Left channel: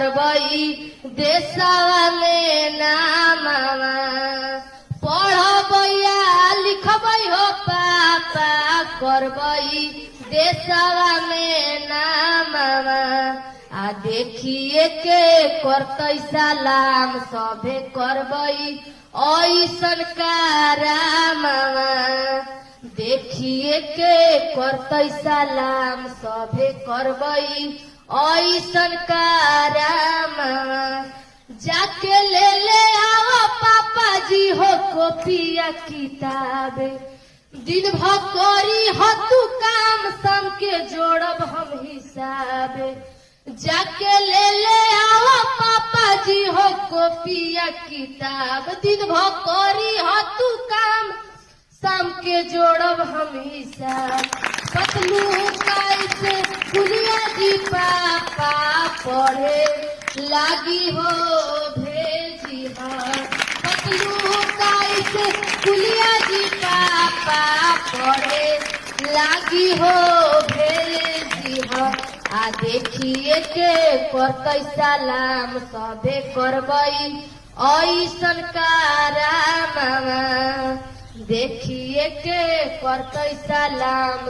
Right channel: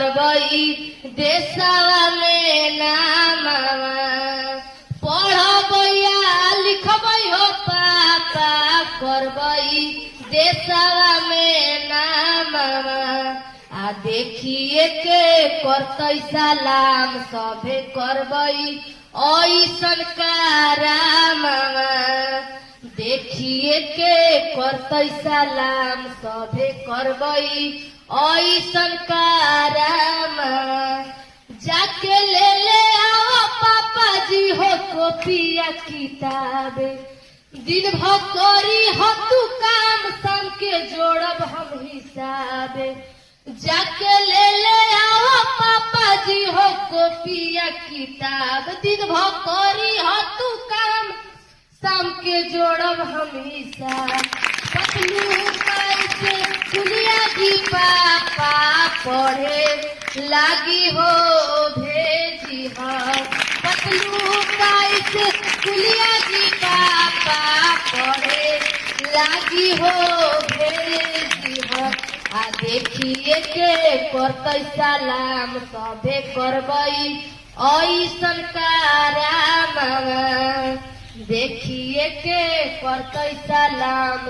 करबई देशवा में नामवा पढ़बैया लिखबई हो पापा करबई देशवा में नामवा आ देखिए के करतई सलाम सभे करबई ऐसन कारामवा देखिए के करतई सलाम सभे करबई ऐसन कारामवा जाके ले आओ पापा जी हो कॉपिया किताबे दिन भर करी हो तू काम शाम के जोड़ब हम हिसाबे जाके ले आओ पापा जी हो कॉपिया किताब दिन भर करी हो तू काम शाम के जोड़ब हम हिसाब पतलू कैसे दुनिया जी पापा पढ़े लागी हो भेजी पतलू कैसे दुनिया जी पापा पढ़े लागी हो भेजी आ देखिए के करतई सलाम सभे करबई ऐसन कारामवा देखिए के करतई सलाम